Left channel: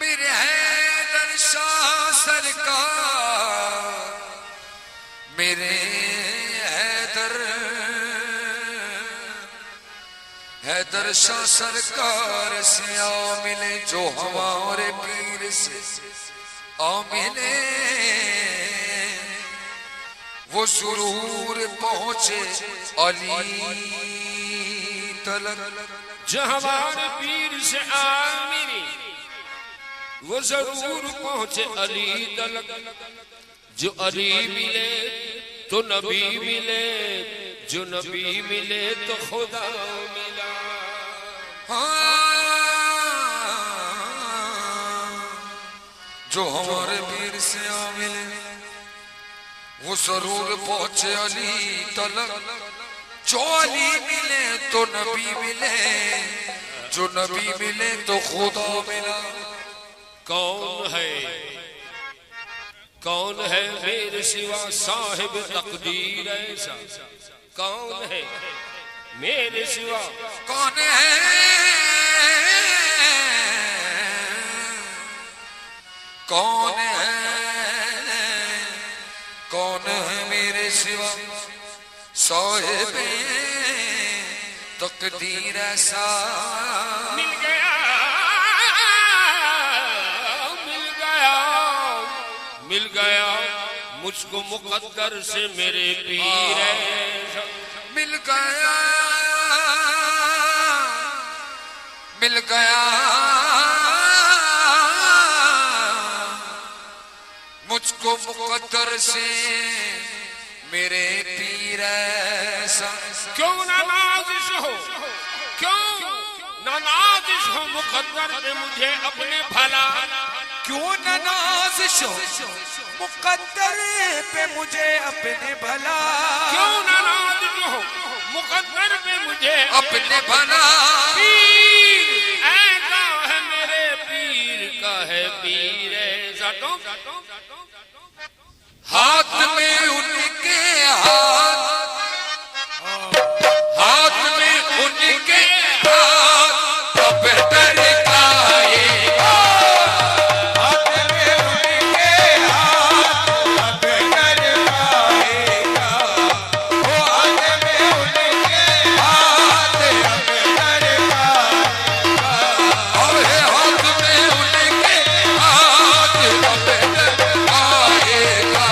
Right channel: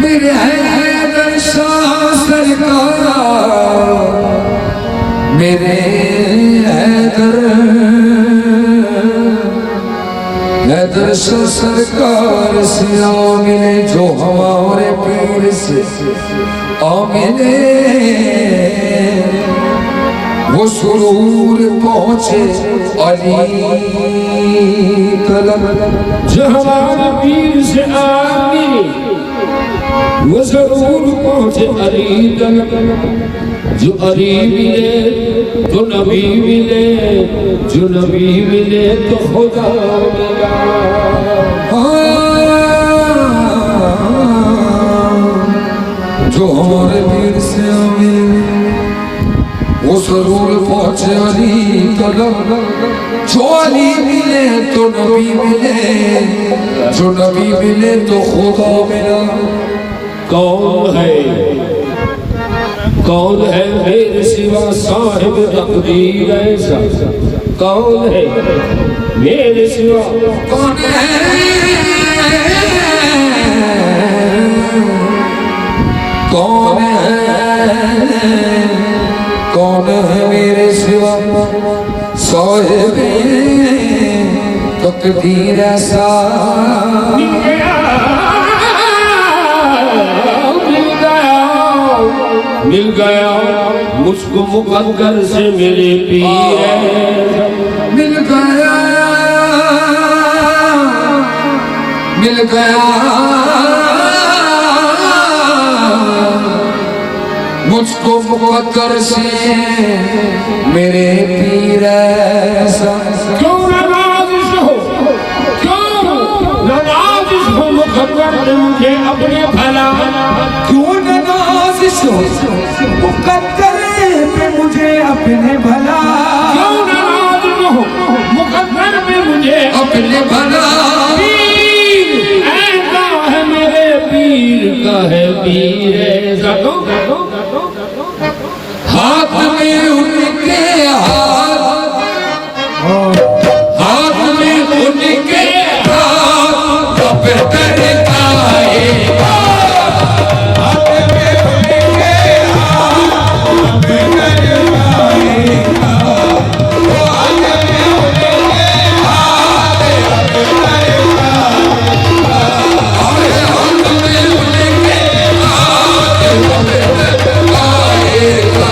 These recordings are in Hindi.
मेरे हैदर शाह सरकार, मेरे हैदर शाह सरकार से आ मिले जो हमारे पीर से आ मिले, वो सुरूर पहुंचे अली तलब। जो हमारे पीर से आ मिले वो जरूर पहुंचे अली तलब। जो अली मिले तो नबी मिले, जो नबी मिले तो खुदा मिला। जो हमारे पीर से मिले वो जरूर पहुंचे अली तलब। जो अली मिले तो नबी मिले, जो नबी मिले तो खुदा मिला। कौन है मेरे सिवा साहिब तकदीर ऐसा? कौन है मेरे सिवा? कौन है मेरे सिवा साहिब तकदीर ऐसा? मिल गया मुझको मुकद्दर से मेरे पीर। मिल गया मुझको मुकद्दर से मेरे पीर ऐसा। क्यों नाराज़ हो, क्यों नाराज़ हो मुकद्दर ने मुझे अपने भला। क्यों नाराज़ हो मुकद्दर पे मुझे अपने भला। क्यों नाराज़ हो मुकद्दर पे मुझे अपने भला। पीर ऐसा है मेरे पीर का है पीर ऐसा। हाथ में उनके हाथ में उनके हाथ बेहतर आएगा। हाथ में उनके हाथ बेहतर आएगा। वो हाथ में उनके हाथ बेहतर आएगा। हाथ में उनके हाथ बेहतर आएगा।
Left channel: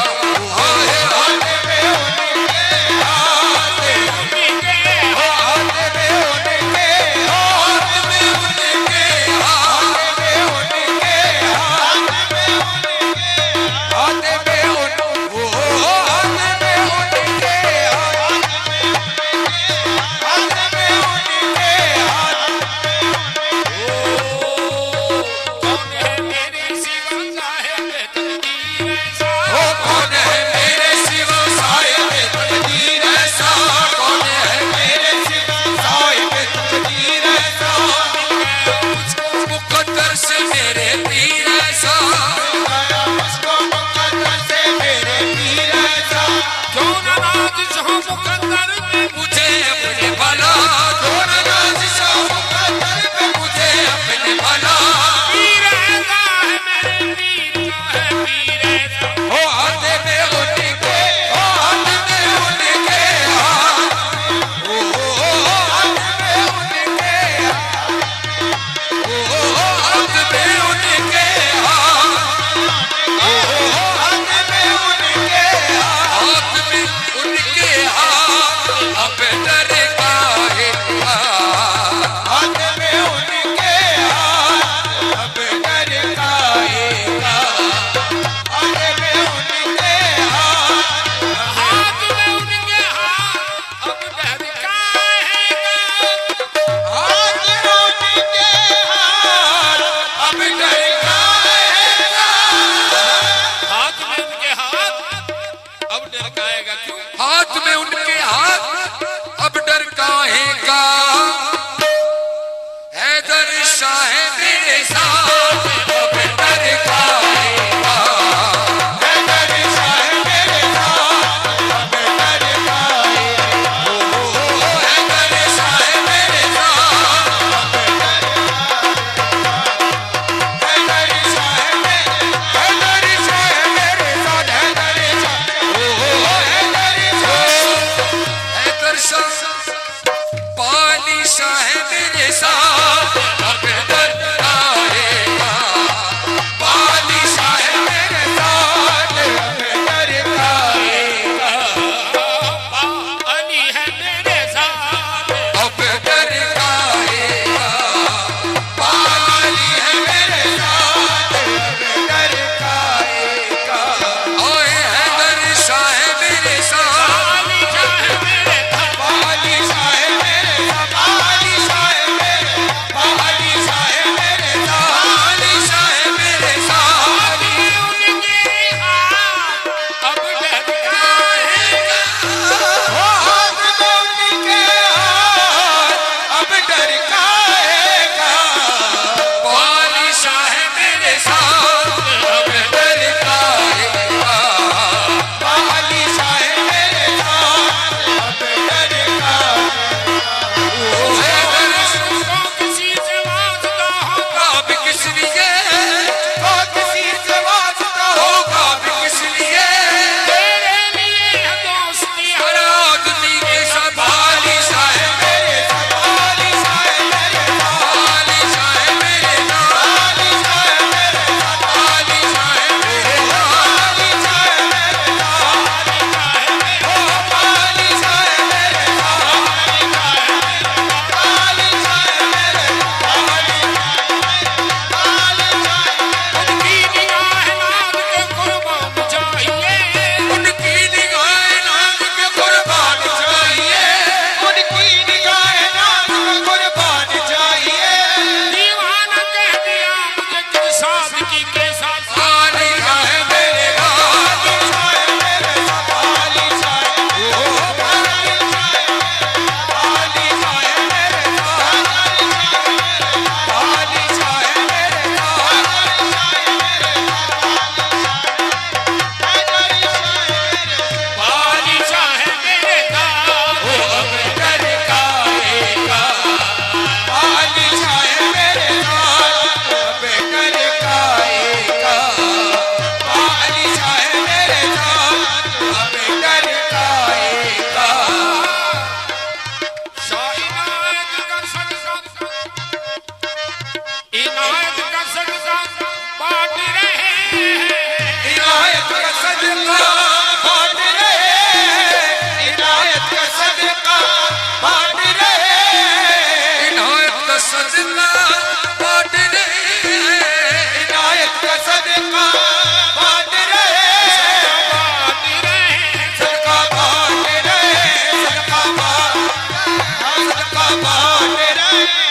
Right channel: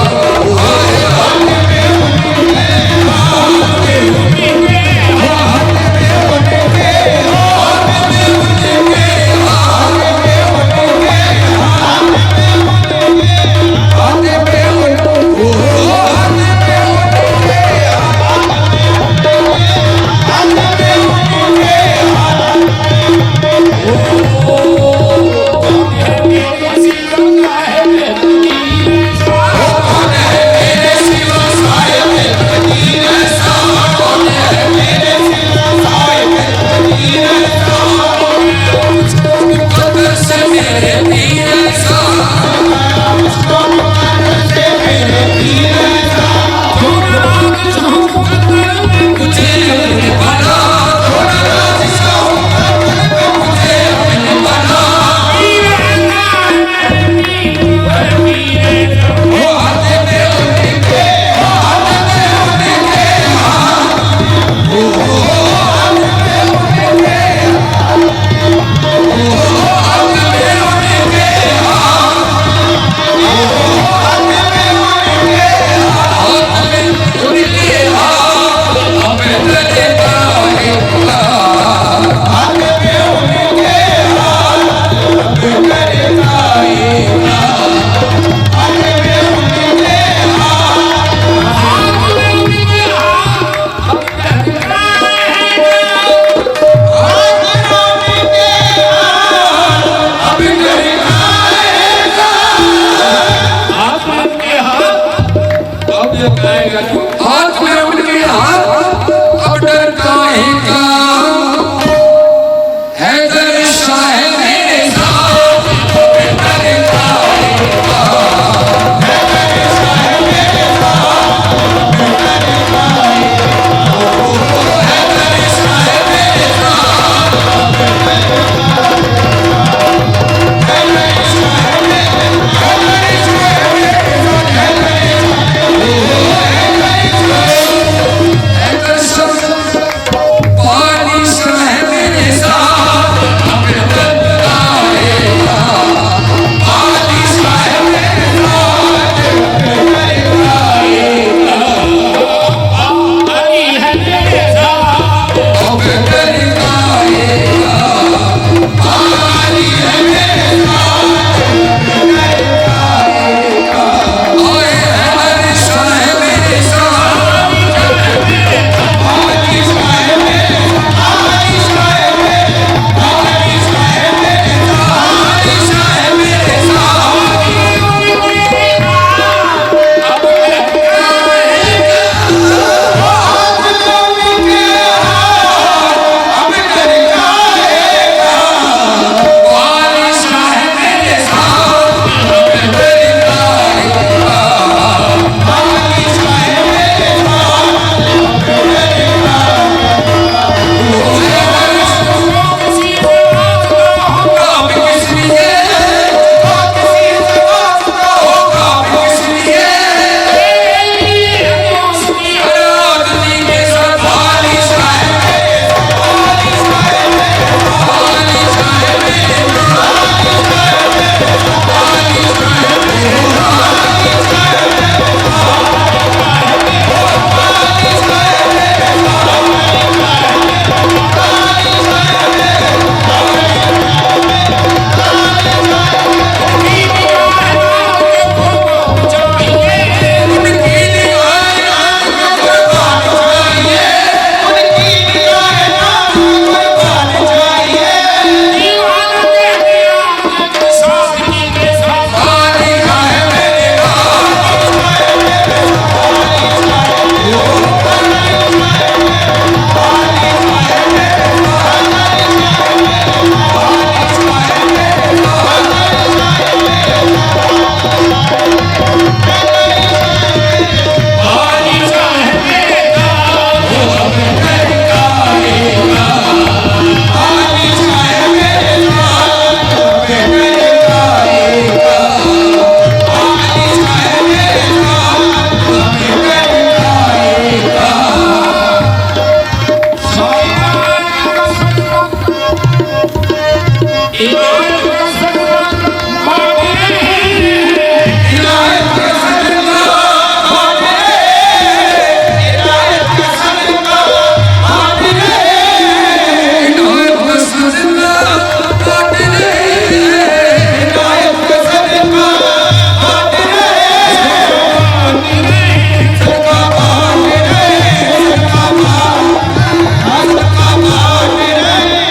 इनायत का सदका बांट रहे इनायत का सदका बांट रहे इनायत का सदका बांट रहे इनायत का सदका बांट रहे इनायत का सदका बांट रहे सदका बांट रहे सदका बांट रहे सदका बांट रहे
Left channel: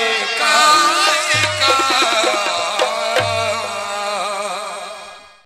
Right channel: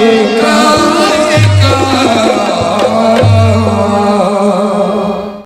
का